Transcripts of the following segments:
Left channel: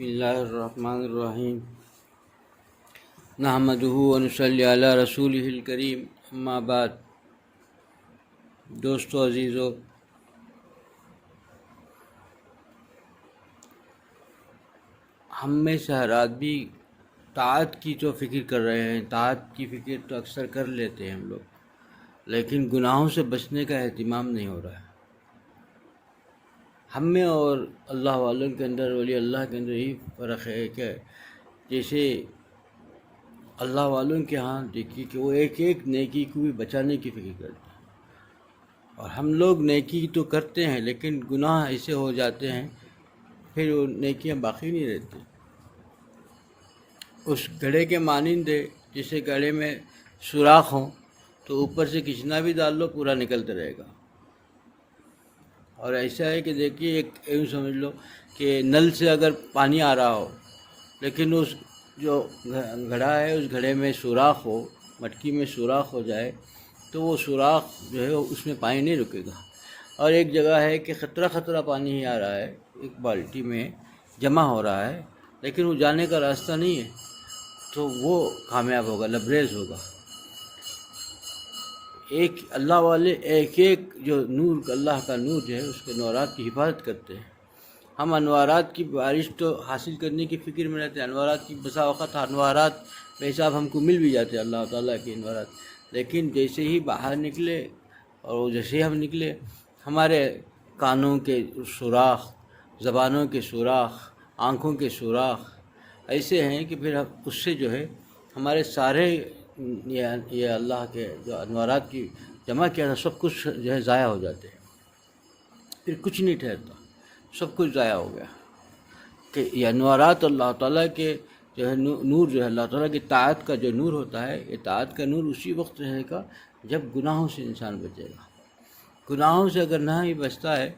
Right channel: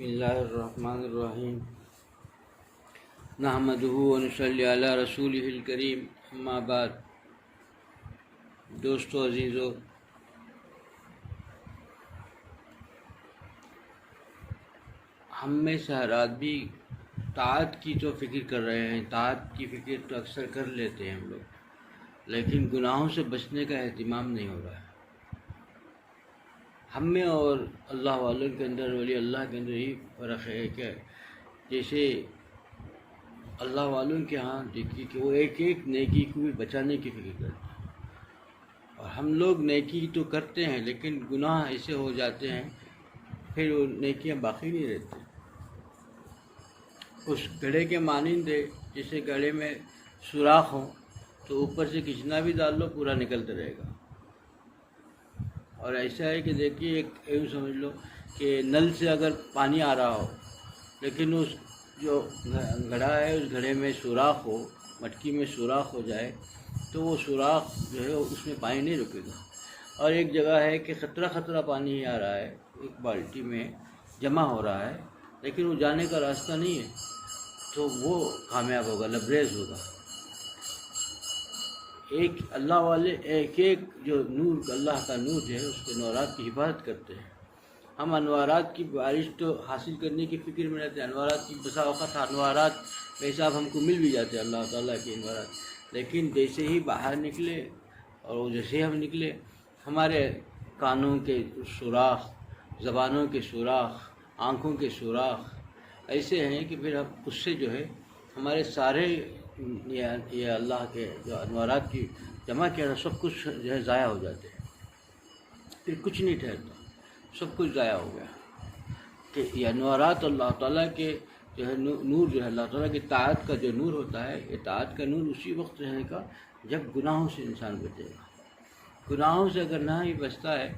بسم اللہ الرحمن الرحیم نحمدہ ونصلی علی رسولہ الکریم اما بعد۔ دوستو عزیزو، ہم میں سے ہر آدمی طاعت کی تو فکر کر رہے ہیں، طاعت کی فکر تو اکثر کر لیتے ہیں ہم لوگ، لیکن گناہوں سے بچنے کا اہتمام نہیں ہو رہا ہے۔ ہم میں اور اللہ والوں کے اندر، ولی اللہ کے اندر ہی فرق ہے کہ جیسے اللہ والوں کے ہاں دیکھیے کہ وہ ایک ایک نیکی کو بھی بچانے کی فکر کرتے ہیں، اور ہم لوگ نیکی تو کرتے ہیں لیکن گناہ ایسے ہو جاتے ہیں پھر وہ نیکیاں باقی نہیں رہتی۔ اس گھڑے کے مانند ہے، جیسے گھڑے میں سوراخ ہوں تو اوپر سے کھینچنا بھی ڈال لو پورا نکلتا رہے گا۔ اور ایسا ہے کہ دیکھیے ایک یوں سمجھ لو کہ نل سے اگر پانی آ رہا ہو لیکن اس جو گھڑا ہے اس گھڑے میں سوراخ ہو، مٹکی میں سوراخ ہو جائے تو وہ سوراخ جو ہے اس میں پانی نہیں رکے گا۔ اور ایک جگہ ہے کہ خطرہ خطرہ پانی ہی آ رہا ہے، ایک بالٹی میں جمع ہو رہا ہے لیکن وہ جانے کا راستہ نہیں ہے تو وہ کامیاب ہوگا، لبریز ہوگا۔ ایک اللہ والے ایک ایک جو نور، اللہ کا نور جو ہے اس کے نورات کی حفاظت کرتے ہیں۔ ہم انوارات کی بارش تو حاصل کرنے کی فکر میں رہتے ہیں، انوارات کی بسا اوقات انوارات بے حساب ہم کو مل بھی جاتے ہیں، اللہ تعالیٰ کے انوارات، لیکن جیسے ہی باہر نکلے اور جیسے ہی ہم نکلے ہمارے کانوں کے سوراخ، زبانوں کے سوراخ، آنکھوں کے سوراخ ایسے ہیں کہ پھر اس سے جو ہے ہمارے سارے یہ اللہ کے جو انوارات کی جمع کیا تھا سب کچھ جو ہے ضائع ہو جاتے ہیں، پھر کچھ نہیں ٹھہرتا، سب کچھ ضائع ہو گیا۔ کہ یہ انوارات اللہ تعالیٰ کے جو ہے نور جو ہے اللہ تعالیٰ کی طاعت کا جو نور ہوتا ہے، یہ طاعت کا نور اسی وقت رہے گا جب گناہوں سے انسان بچے گا۔ گناہوں سے اگر نہ ہی بچتا ہے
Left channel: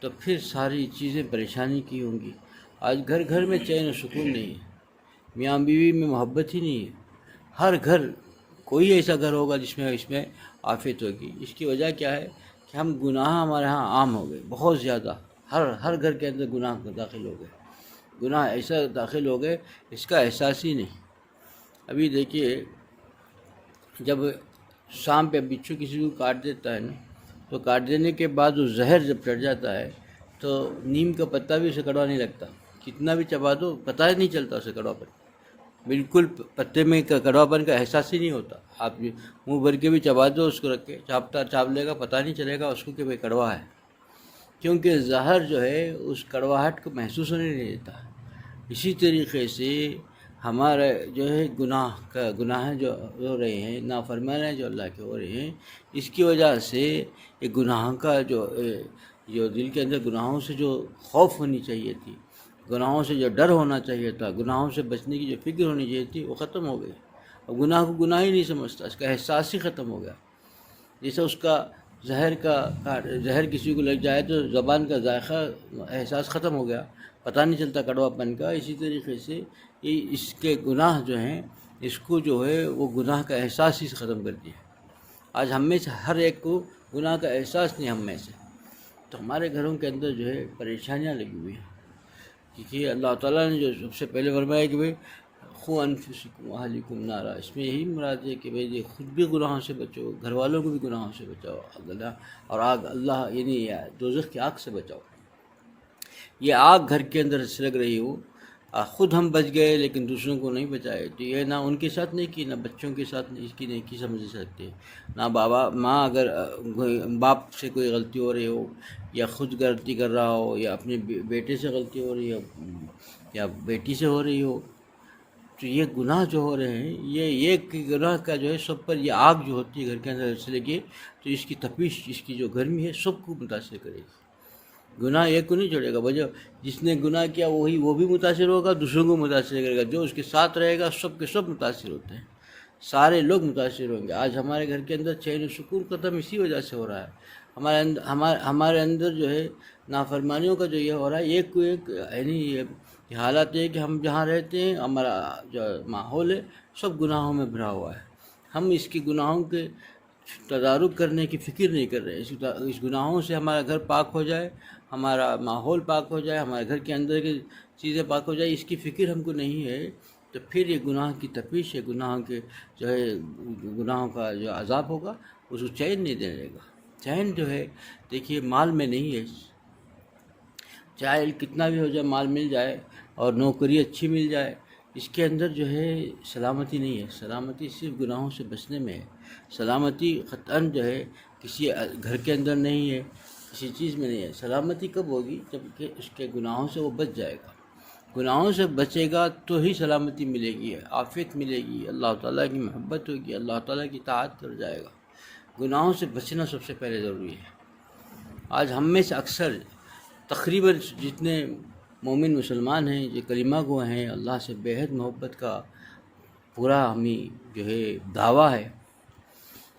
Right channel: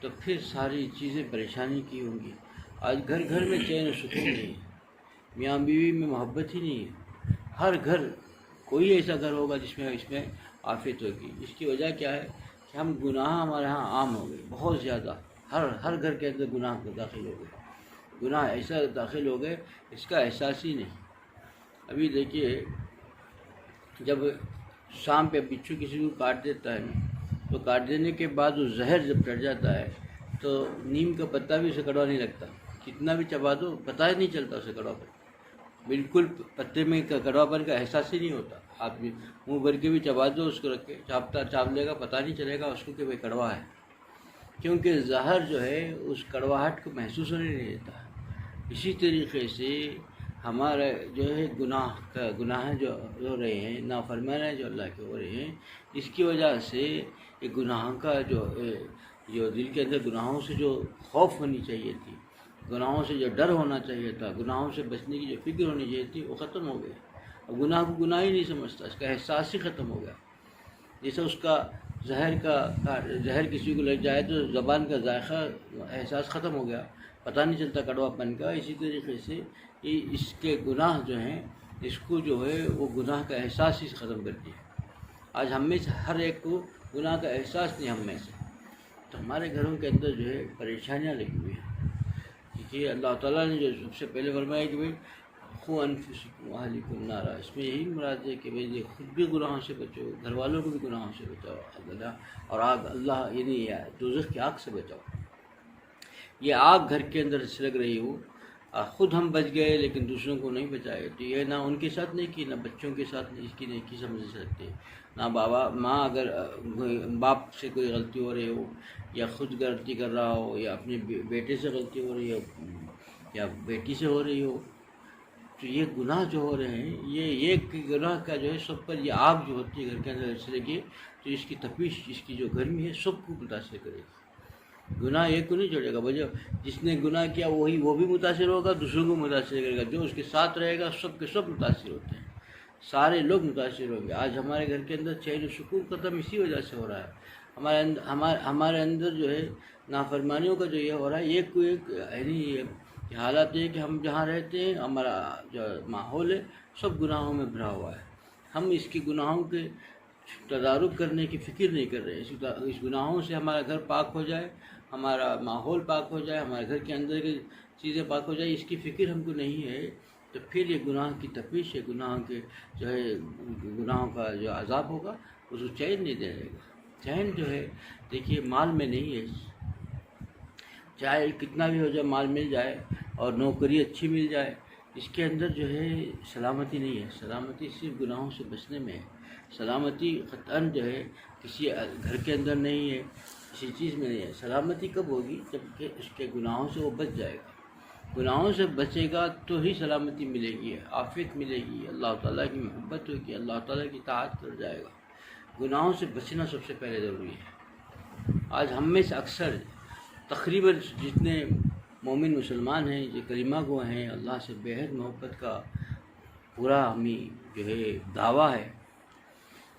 تو پھر ساری چیزیں پریشانی کی ہوں گی۔ آج گھر گھر میں چین و سکون نہیں ہے، میاں بیوی میں محبت ہی نہیں ہے۔ ہر گھر، کوئی ایسا گھر ہوگا جس میں آفت ہوگی۔ اس کی وجہ کیا ہے کہ ہم گناہ ہمارے ہاں عام ہو گئے، بہت زیادہ، ہر گھر کے اندر گناہ داخل ہو گئے، گناہ ایسا داخل ہو گئے اس کا احساس ہی نہیں۔ ابھی دیکھیے جب شام پہ بچھو کسی کو کاٹ دیتا ہے نا تو کاٹ دینے کے بعد وہ زہر جب چڑھ جاتا ہے تو نیم کا پتا بھی اسے کڑوا نہیں لگتا، کتنا بھی چبا دو پتہ ہی نہیں چلتا اسے کڑوا پن، بالکل پتے میں کڑوا پن کا احساس ہی نہیں ہوتا۔ آپ منہ بھر کے بھی چبا دو اس کو رکھ کے، چاپ لے گا، پتہ نہیں چلے گا اس کو کہ بھائی کڑوا ہے، کیونکہ زہر جو ہے اس کڑواہٹ کو محسوس ہونے نہیں دیتا۔ اسی طریقے سے ہمارے جو ہے گناہ جو ہو رہے ہیں، نافرمانی جو اللہ کے ہو رہے ہیں، اس کی وجہ سے یہ گناہ کا جو دل کے اندر گناہوں سے جو خوف ہونی چاہیے تھی، گناہوں سے جو ڈر ہونا چاہیے تھا، گناہوں سے بچنے کی جو فکر ہونی چاہیے تھی وہ ختم ہو گئی، اور گناہ کو گناہ ہی نہیں سمجھتا، اس کا احساس ہی ختم ہو گیا۔ جیسے اس کا زہر کسی کو لگ جائے تو زبان کا ذائقہ احساس ختم ہو گیا، پتہ نہیں چلتا کڑوا پن کا۔ اسی طریقے سے اس کے گناہ جو ہیں اس کو جو ہے وہ گناہ کا احساس ہی ختم کر دیا۔ آج ہم میں سے ہر ایک کو گناہ کا احساس نہیں، ہم میں سے تو ہمارے گھروں کے اندر جو ہے پریشانیاں لگی ہوئی ہیں، کیونکہ اللہ تعالیٰ نے جو سب سے پہلے فرمایا کہ بھائی قوا انفسکم واہلیکم نارا، اس میں یہی مراد ہے کہ بھائی خود بھی گناہوں سے بچو، گھر والوں کو بھی گناہوں سے بچاؤ، اور آگ اللہ یعنی دوزخ کی آگ سے بچاؤ۔ یہ آگ گھر کے اندر سلگ رہی ہو، خود ہم بچ گئے لیکن دوسروں کو نہیں بچائے تو یہ نہ ان کے ساتھ نہیں کی، نہ بچوں کے ساتھ اس کی نیکی سمجھ سکتے، نہ ماں اگر باپ سے کوئی غلطی ہو رہی ہو یا خود غلطی کر رہا ہو یا اپنے بیٹے سے غلطی ہو رہی ہو یا بیٹی سے ہو رہی ہو، تو یہ گناہ جو ہو رہے ہیں یہ ایک گناہ کا جو ہے سب پر یہ آگ جو ہوتی ہے گھر کے اندر سے لگی تو اس کی تپش، اس کی جو گرمی ہے سب کو متاثر کرے گی۔ گناہ ایک کو نہیں چھوڑے گا، بجو جس نے گناہ کیا وہ بھی متاثر ہوگا، دوسروں کو متاثر کرے گا، جو اس کے ساتھ رہے گا سب کے سب متاثر ہوتے ہیں، سارے لوگ متاثر ہوں گے۔ آج ہمارے گھر کے اندر چین و سکون ختم اسی وجہ سے ہو رہا ہے، ہمارے اندر جو ہے نافرمانیوں کا جو یہ ہو رہا ہے، ایک کو ایک یعنی یہ حالات ہے کہ ہم جہاں رہتے ہیں ہمارا جو ماحول ہے سب گناہوں میں بھرا ہوا ہے۔ ہم اس کے گناہوں کے تدارک کرنے کی فکر نہیں کر رہے. اس گناہوں سے ہمارا گھر پاک ہو جائے، ہمارا ماحول پاک ہو جائے، ہمارے گھر کے اندر کی چیزیں پاک ہو جائے، اس کی فکر ہم کو نہیں ہے. تو پھر یہ گناہ کی تپش ہے، گناہوں کے جو ہے گناہوں کا جو عذاب ہوگا اس کو چین نہیں دے گا. چین جو ہے دیکھیے مال میں نہیں ہے، چاہے کتنا بھی ہو جائے، مال مل جائے اور نوکری اچھی مل جائے، اس کے اندر جو ہے سلامتی نہیں ہے. سلامتی صرف گناہوں سے بچنے میں ہے. سلامتی قطعاً جو ہے کسی گھر کے اندر نہیں ہے، کسی چیز میں نہیں ہے. سلامتی کب ہوگی؟ جب کہ اس کے گناہوں سے وہ بچ جائے گا. گناہوں سے بچے گا تو ہی سلامتی ملے گی، عافیت ملے گی، اللہ تعالیٰ کی محبت ہوگی، اللہ تعالیٰ کی اطاعت کر جائے گا. گناہوں سے بچنا سب سے پہلے ضروری ہے. آج ہم میں سے اکثر تقریباً جتنے مومن مسلمان ہیں، جو کلمہ گو ہیں، اللہ سے بے حد محبت کا پورا ہمیں جو ہے دعویٰ ہے،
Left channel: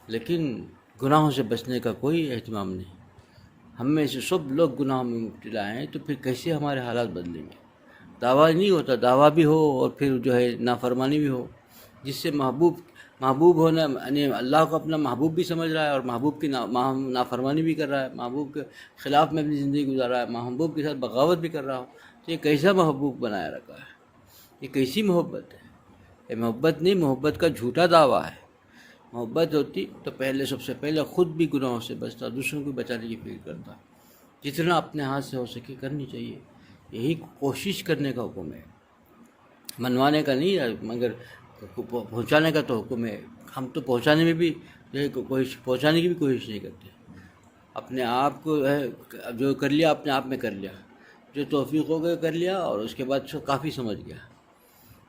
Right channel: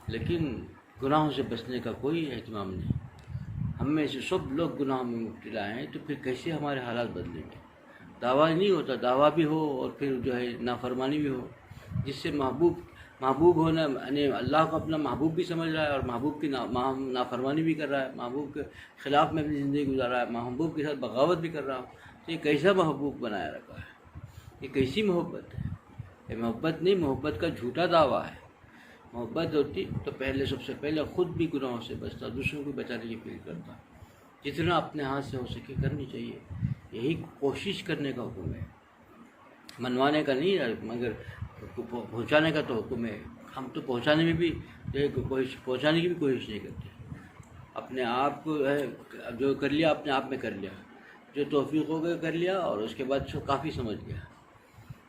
لیکن گناہوں سے بچنے کا کوئی اہتمام نہیں. ہم میں سے سب لوگ گناہوں میں مبتلا ہیں، تو پھر کیسے ہمارے حالات بدلیں گے؟ دعویٰ نہیں ہوتا، دعویٰ بھی ہو اور پھر جو ہے نافرمانی بھی ہو، جس سے محبوب ہونا، یعنی اللہ کو اپنا محبوب بھی سمجھ رہا ہے اور محبوب کی نافرمانی بھی کر رہا ہے، محبوب کے خلاف میں اپنی زندگی گزار رہا ہے، محبوب کے ساتھ بغاوت بھی کر رہا ہوں. تو یہ کیسا محبوب بنایا رکھا ہے؟ یہ کیسی محبت ہے؟ یہ محبت نہیں، محبت کا جھوٹا دعویٰ ہے. محبت ہوتی تو پہلے سب سے پہلے خود بھی گناہوں سے بچتا، دوسروں کو بچانے کی فکر کرتا. جتنا اپنے ہاتھ سے ہو سکے کرنی چاہیے. یہی کوشش کرنے کا حکم ہے، منوانے کا نہیں ہے، مگر پہنچانے کا تو حکم ہے. ہم تو پہنچانے میں بھی جو ہے پہنچانے کی بھی کوشش نہیں کرتے. اپنے آپ کو جو کر لیا اپنے آپ میں کر لیا، جو توفیق ہو گیا کر لیا اور اس کے بعد سو کافی سمجھ گیا.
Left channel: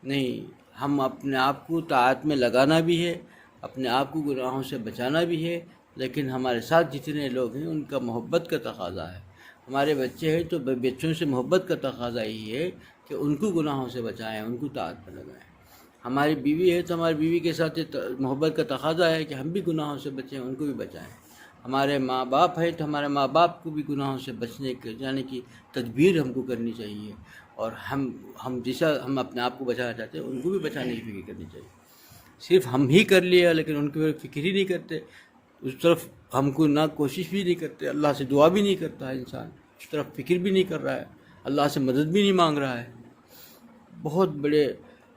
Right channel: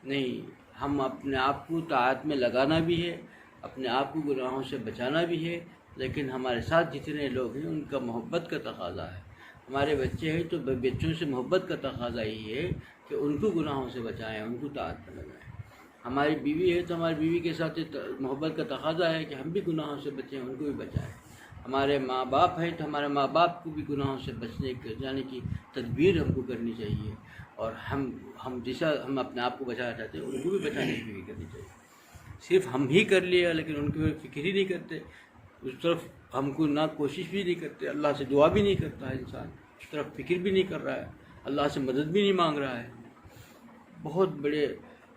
نہیں، ہم اپنے آپ کو طاعت میں لگانا بھی ہے، اپنے آپ کو گناہوں سے بچانا بھی ہے، لیکن ہمارے ساتھ جتنے لوگ ہیں ان کا محبت کا تقاضا ہے. ہمارے بچے ہیں تو بچوں سے محبت کا تقاضا ہی ہے کہ ان کو گناہوں سے بچائیں، ان کو طاعت میں لگائیں. ہماری بیوی ہے تو ہماری بیوی کے ساتھ محبت کا تقاضا ہے کہ ہم بھی گناہوں سے بچیں، ان کو بھی بچائیں. ہمارے ماں باپ ہے تو ہمارے ماں باپ کو بھی گناہوں سے بچانے کی تدبیر ہم کو کرنی چاہیے، اور ہم جیسا ہم اپنے آپ کو بچانا چاہتے ہیں ان کو بھی بچانے کی فکر کرنی چاہیے. صرف ہم ہی کر لیا لیکن ان کی فکر ہی نہیں کرتے، اس طرف ہم کو نہ کوشش بھی نہیں کرتے، اللہ سے دعا بھی نہیں کرتا ہے انسان، اس طرف فکر بھی نہیں کر رہا ہے، اللہ سے مدد بھی نہیں مانگ رہا ہے. بہت بڑے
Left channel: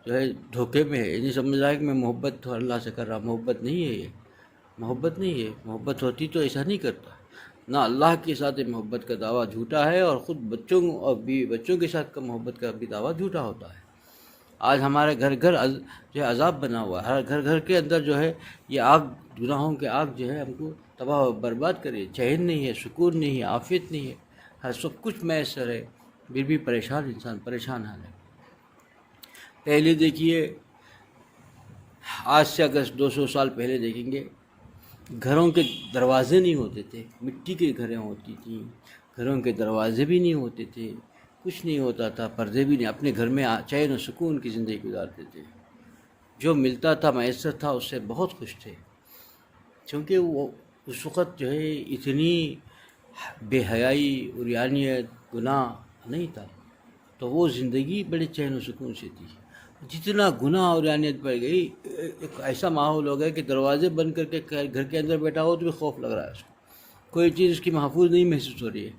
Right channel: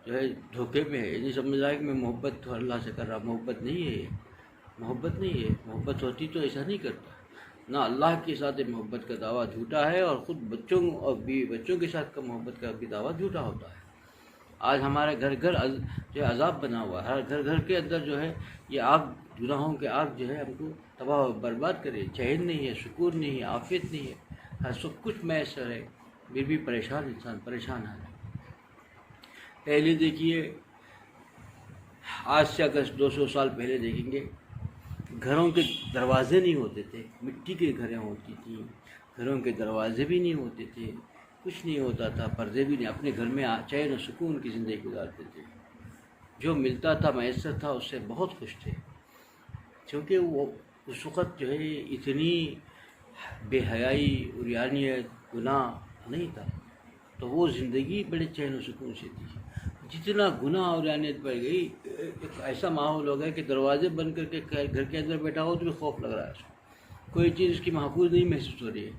جو ہے دھوکے میں ہے. یہ سمجھ رہا ہے کہ میں محبت تو اللہ سے کر رہا، محبت نہیں ہے. یہ محبت نہیں ہے. محبت ہوتی تو ایسا نہیں کرتا. نہ اللہ کے ساتھ محبت کا دعویٰ جھوٹا ہے، اور خود بچوں اور بچوں کے ساتھ کا محبت کا بھی دعویٰ جھوٹا ہوتا ہے. آج ہمارے گھر جو ہے عذاب بنا ہوا ہے. ہر گھر کے اندر جو ہے یہ آگ، گناہوں کے آگ جو ہے ہم کو تباہ و برباد کرے. چین نہیں ہے، سکون نہیں ہے، عافیت نہیں ہے، ہر سب کچھ میسر ہے، پھر بھی پریشان انسان، پریشان ہے. پہلے دیکھیے، آج سے اگر 200 سال پہلے دیکھیں گے، گھروں کے دروازے نہیں ہوتے تھے، مٹی کے گھریں ہوتی تھیں، گھروں کے دروازے بھی نہیں ہوتے تھے، کچھ نہیں ہوتا تھا، پردے بھی نہیں. اپنے گھر میں چین و سکون کی زندگی گزارتے تھے. جو ملتا تھا میسر تھا، اس سے بہت خوش تھے، کیونکہ وہ اس وقت جو ہے اتنی بے حیائی، عریانیت، گناہ نہیں تھا، تو وہ زندگی بڑے چین و سکون سے تھی. جتنا گناہ اور عریانیت بڑھ گئی، ایک ایسا ماحول ہو گیا کہ دروازے بند کر کے گھر کے اندر بیٹھا ہو تو بھی خوف لگ رہا ہے اس کو. کوئی چیز اس کی محفوظ نہیں محسوس ہو رہی ہے،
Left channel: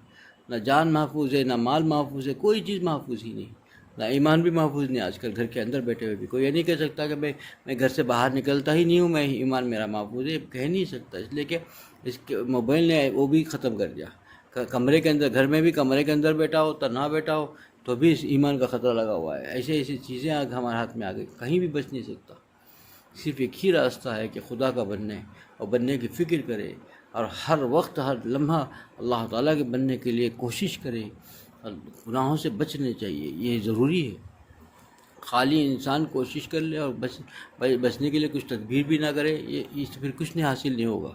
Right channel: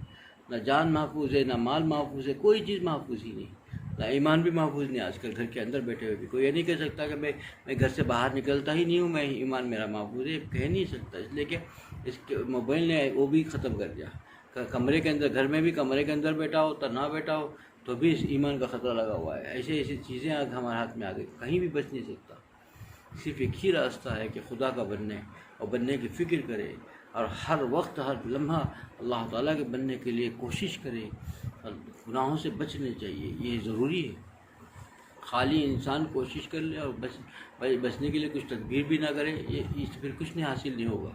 نہ جان محفوظ ہے، نہ مال محفوظ ہے، کوئی چیز محفوظ ہی نہیں، نہ ایمان بھی محفوظ نہیں. آج کل گھر کے اندر بیٹھے ہوئے بھی کوئی یہ نہیں کہہ سکتا کہ میں گھر سے باہر نکلتا ہی نہیں ہوں، میں ایمان میرا محفوظ ہے، کہہ نہیں سکتا. اس لیے کہ اس کے موبائل نے وہ بھی ختم کر دیا. کمرے کے اندر، گھر میں بھی کمرے کے اندر بیٹھا ہو، تنہا بیٹھا ہو تو بھی اس ایمان کا خطرہ لگا ہوا ہے. ایسی چیزیں ہمارے ہاتھ میں آ گئی، کہیں بھی بچ نہیں سکتا. صرف ایک ہی راستہ ہے کہ خدا کا بننے اور بننے کی فکر کرے، اور ہر وقت ہر لمحہ اللہ تعالیٰ کے بننے کے لیے کوشش کرے، اور گناہوں سے بچنے چاہیے. یہ ضروری ہے. خالی انسان کوشش کر لے اور بچنے کے لیے کچھ تدبیر بھی نہ کرے، یہ پھر کچھ نہیں حاصل نہیں ہوگا.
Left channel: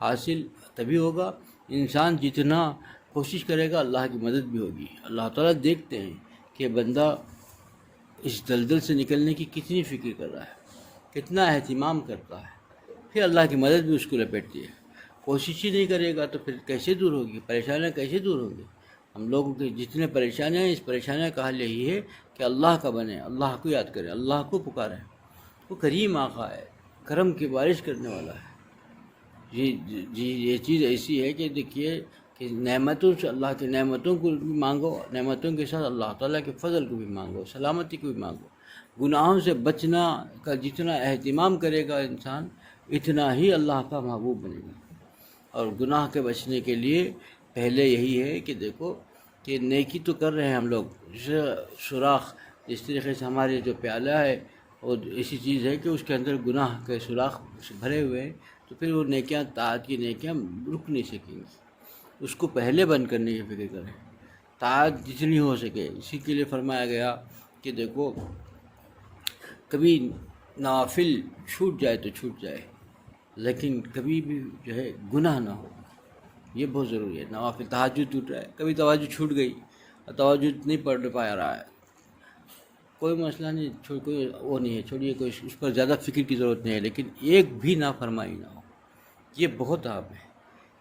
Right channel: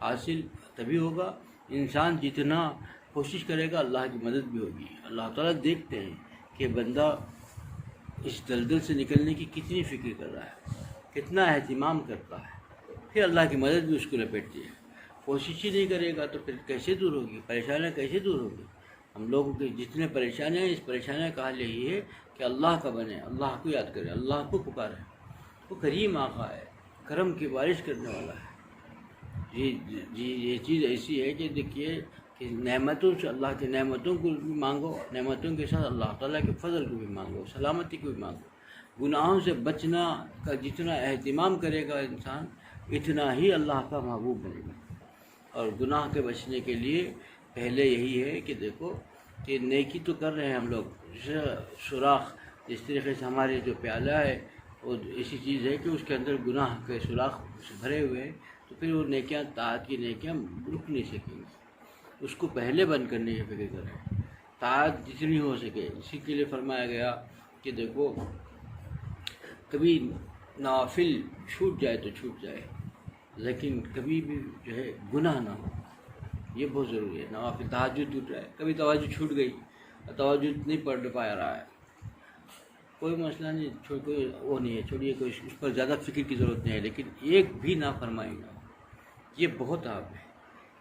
حاصل تبھی ہوگا انسان جتنا کوشش کرے گا، اللہ کی مدد بھی ہوگی. اللہ تعالیٰ دیکھتے ہیں کہ بندہ اس دلدل سے نکلنے کی کتنی فکر کر رہا ہے، کتنا اہتمام کرتا ہے، پھر اللہ کی مدد بھی اس کو لپیٹتی ہے. کوشش ہی نہیں کرے گا تو پھر کیسے دور ہوگی؟ پریشانیاں کیسے دور ہوگی؟ ہم لوگوں کے جتنے پریشانیاں ہیں، اس پریشانیوں کا حل یہی ہے کہ اللہ کا بنے، اللہ کو یاد کریں، اللہ کو پکاریں. وہ کریم آقا ہے، کرم کی بارش کرنے والا ہے. جی یہ چیز ایسی ہے کہ دیکھیے کہ نعمتوں سے اللہ کی نعمتوں کو بھی مانگو، نعمتوں کے ساتھ اللہ تعالیٰ کے فضل کو بھی مانگو، سلامتی کو بھی مانگو۔ گناہوں سے بچنا کا جتنا اہتمام کرے گا انسان، اتنا ہی اللہ کا محبوب بنے گا۔ اور گناہ کے بچنے کے لیے پہلے یہی ہے کہ دیکھو کہ نیکی تو کر رہے ہیں ہم لوگ، سوراخ جس طریقے سے ہمارے جو پیالہ ہے وہ ایسی چیز ہے کہ اس کے اندر گناہ کے سوراخ بھرے ہوئے ہیں، تو پھر وہ نیکیاں، طاعت کی نیکیاں رک نہیں سکیں گی۔ اس کو پہلے بند کرنے کی فکر کریں، طاعت جتنی ہو سکے۔ اسی کے لیے فرمایا گیا کہ دیکھو کبھی نوافل چھوٹ جائے تو چھوٹ جائے، لیکن کبھی بھی جو ہے گناہ نہ ہو، یہ بہت ضروری ہے۔ نوافل تہجد ٹوٹ رہا ہے، کبھی تہجد چھوٹ گئی اور تہجد نہیں پڑھ پا رہا ہے، کوئی مسئلہ نہیں، کوئی وہ نہیں ہے، چھوڑیے، کوئی اس پر زیادہ فکر کی ضرورت نہیں ہے، لیکن ایک بھی نافرمانی نہ ہو، یہ بہت اہم ہے۔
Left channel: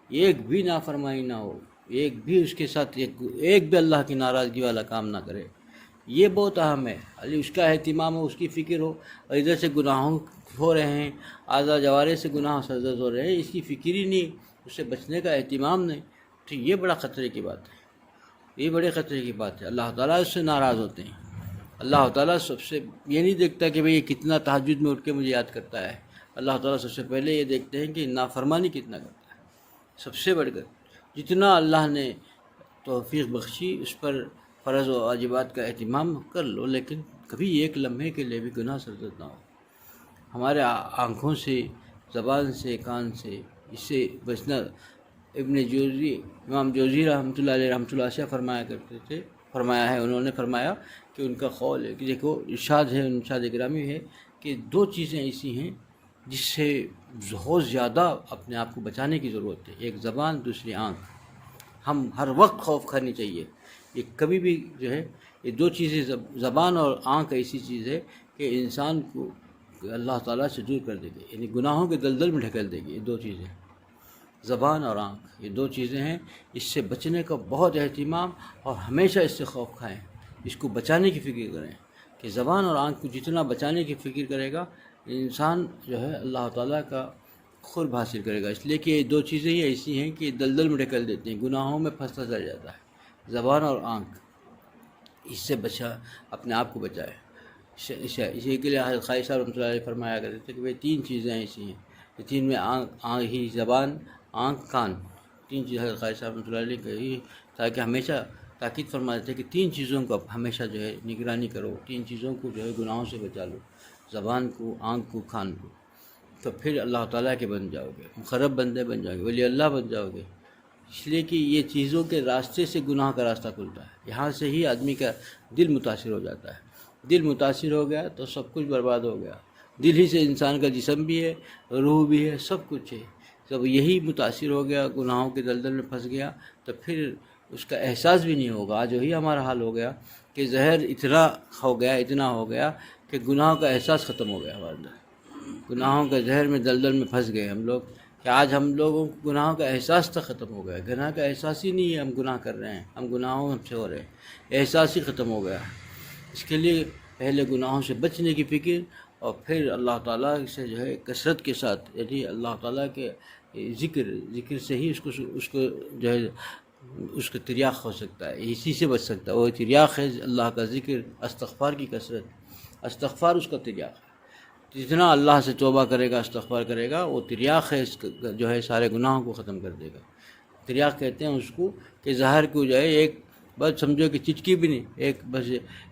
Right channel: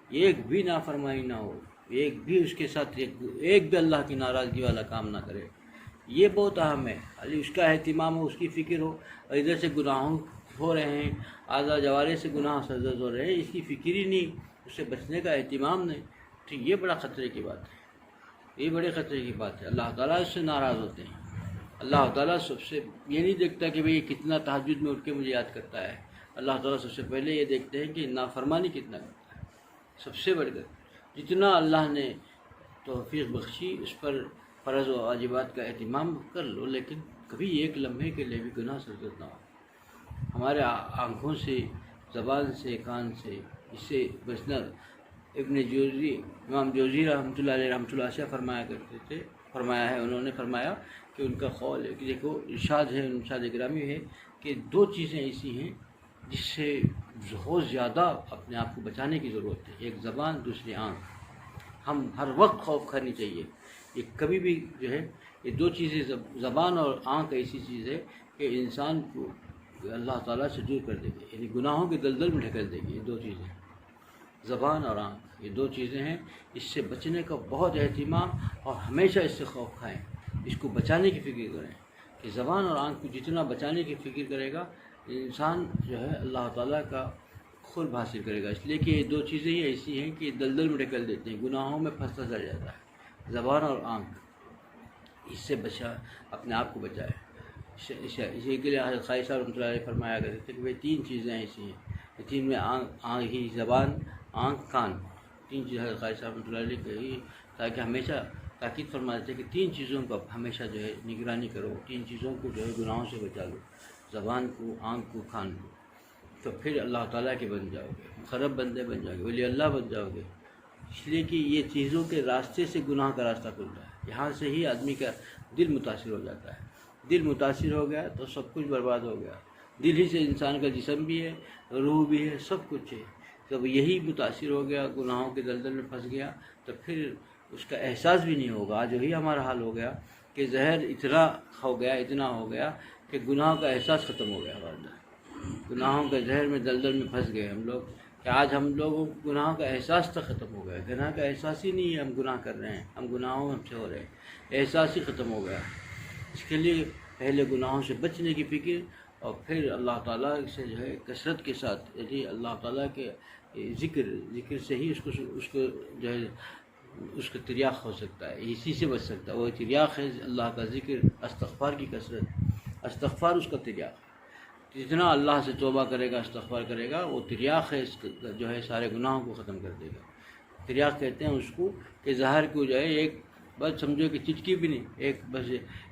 ایک بھی نافرمانی نہ ہو، ایک بھی اس کے ساتھ ایک بھی اللہ کی ناراضگی والا کام نہ کرے، یہ بہت اہم ہے۔ علی اس کا اہتمام ہو، اس کی فکر ہو، اور ادھر سے گناہوں ہو رہے ہیں، اعضاء جوارح سے گناہ سرزد ہو رہے ہیں، اس کی فکر ہی نہیں، اس سے بچنے کا اہتمام نہیں، تو یہ بڑا خطرے کی بات ہے، یہ بڑے خطرے کی بات ہے۔ اللہ تعالیٰ اس سے ناراض ہوتے ہیں۔ اللہ تعالیٰ سب سے یہ نہیں دیکھتا کہ بھئی یہ کتنا تہجد میں اٹھ کے مجھے یاد کرتا ہے، اللہ تعالیٰ سب سے پہلے یہ دیکھتے ہیں کہ نافرمانی کتنا کرتا ہے۔ سب سے بڑھ کر جتنا اللہ نے توفیق بخشی اس پر فرض و واجبات کا اہتمام کر لو، لیکن کبھی ایک لمحے کے لیے بھی گناہ سرزد نہ ہو۔ ہمارے آنکھوں سے، زبان سے، کان سے اس سے بچنا، ابن جوزی، امام جوزی رحمۃ اللہ علیہ سے فرمایا کرتے تھے، فرمایا ہے، انہوں نے فرمایا کہ ان کا قول ہے کہ دیکھو ارشاد ہے، ارشاد گرامی ہے کہ دو چیزیں ایسی ہیں جس سے بہت زیادہ اپنے آپ کو بچانے کی ضرورت ہے، ایک زبان، دوسری آنکھ۔ ہم ہر وقت خوف کھانی چاہیے، یہ کبھی بھی جو ہے یہ دو چیزیں، زبان اور آنکھ ایسی چیز ہے کہ انسان کو اللہ تعالیٰ سے دور کر دے گی، یعنی گناہوں کے دلدل میں ڈھکیل دے گی۔ یہ دو چیزیں، زبان اور آنکھ، یہ دو چیزیں ہیں، اس سے بچنے کا بہت اہتمام، اور ہمیشہ اس سے خوف کھائیں، اس کو بچانے کی فکر کریں کہ زبان اور آنکھ کو جتنا بچانے کی فکر کرے گا انسان جو ہے اللہ تعالیٰ کا قرب حاصل کرے گا۔ اس لیے کہ یہ دو چیزیں ہی ایسی ہیں کہ دلدل میں ڈھکیل دیتے ہیں، گناہوں میں پھنستا چلا جاتا ہے۔ زبان اور آنکھ، اس سے اپنے آپ کو بچائے۔ اسی کے لیے خواجہ صاحب رحمۃ اللہ علیہ فرمایا کرتے تھے کہ بھئی تین چیزیں ایسی ہیں، یہ تین میں آنکھ ہی، زبان، آنکھ، کان، تین چیزیں خواجہ صاحب رحمۃ اللہ علیہ کہی، تاکہ ہمیشہ تاکید فرماتے تھے کہ تین چیزوں کو ہمیشہ جو ہے نگرانی کرو، تین چیزوں کو جو ہے گناہوں سے بچا لو، زبان کو، آنکھ کو، کان کو، تو پھر اللہ تعالیٰ کے بن جاؤ گے، مقرب بندے بن جاؤ گے، ولی اللہ بن جاؤ گے۔ اس لیے کہ یہ چیزوں کے راستے سے گناہ کا راستہ کھلتا ہے، یہاں سے ہی آدمی کا دل متاثر ہو جاتا ہے، دل متاثر ہو گیا تو سب کچھ برباد ہو گیا۔ دل ہی سے انسان کا جسم بھی ہے، روح بھی ہے، سب کچھ ہے۔ جب یہی متاثر ہو گیا، گناہوں کے دلدل میں پھنس گیا، تو پھر اس کا احساس بھی نہیں ہوگا۔ آج وہی ہمارا حال ہو گیا کہ زہر اتنا ہو گیا، اتنا ہو گیا کہ گناہوں کا احساس ختم ہو گیا ہمارے اندر، گناہوں کے زہر میں دلدل میں پھنس گئے ہم لوگ، کہ آج ہم لوگوں کو گناہوں کا احساس تک ختم ہو گیا، گناہ کا احساس ہی نہیں ہے، ہم گناہ کر رہے ہیں، ہم گناہوں سے ہو رہے ہیں، احساس ہی ختم ہو گیا۔ اس کے لیے پہلے گناہوں سے بچنے کی فکر، اور پھر اللہ تعالیٰ سے جو ہے کثرت کے ساتھ، یعنی اللہ تعالیٰ کے ذکر سے ہی اس کو جو ہے اس کا تریاق ہو سکتا ہے، اسی سے بچ سکتا ہے۔ وہ تریاق ہے اللہ کا ذکر، استغفار کی کثرت، استغفار اس کا تریاق ہے۔ جتنا اللہ سے توبہ کرے گا، استغفار کرے گا، وہ تریاق ہے، اس جو ہے سارے گناہوں کو ختم کر دے گا۔ تریاق کہتے ہیں اس کو کہ زہر کو جو ہے ایک بس سمجھو کہ چٹکی بھی نہیں،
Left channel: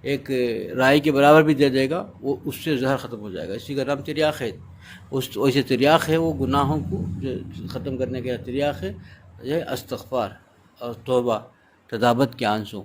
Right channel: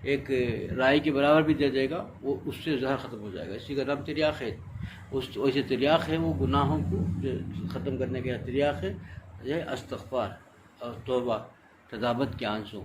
ایک رائی کے برابر بھی دے دے گا، وہ اس سے زہر ختم ہو جائے گا، اسی کا نام تریاق ہے۔ ویسے تریاق ہے وہ گناہوں کو جو ختم کرنے کا تریاق ہے، یہ استغفار اور توبہ، تدابت کے آنسو،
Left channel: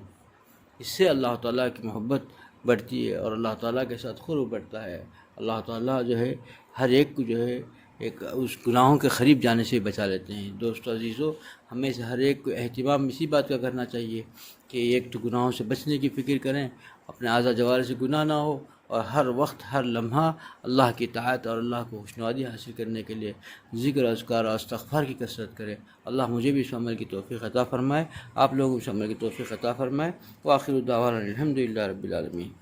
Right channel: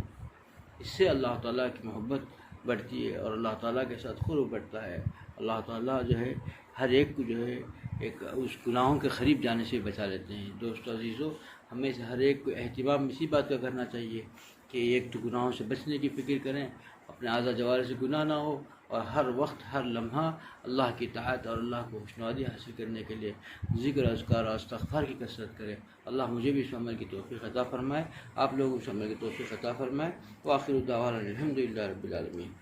اس سے اللہ تعالیٰ کی محبت بڑھتی ہے اور اللہ تعالیٰ کے ساتھ قرب بڑھتا ہے۔ اللہ تعالیٰ جو ہے ہر ایک کو جو ہے ایک اس گناہوں کے قریب جانے سے بچا لیتے ہیں۔ دوستو عزیزو، ہمیں سے ہر ایک کو اہتمام اسی بات کا کرنا چاہیے کہ ایک تو گناہوں سے بچنے کی فکر کریں، اپنے اعضاء جوارح سے گناہ نہ ہو، اور ہر وقت، ہر لمحہ اللہ کی اطاعت اور اللہ کو خوشنودی حاصل کرنے کے لیے ذکر، اذکار اور استغفار کی کثرت کرے۔ اللہ مجھے بھی اس عمل کی توفیق عطا فرمائے، آپ لوگوں کو اس عمل کی توفیق عطا فرمائے۔ وآخر دعوانا الحمد للہ رب العالمین۔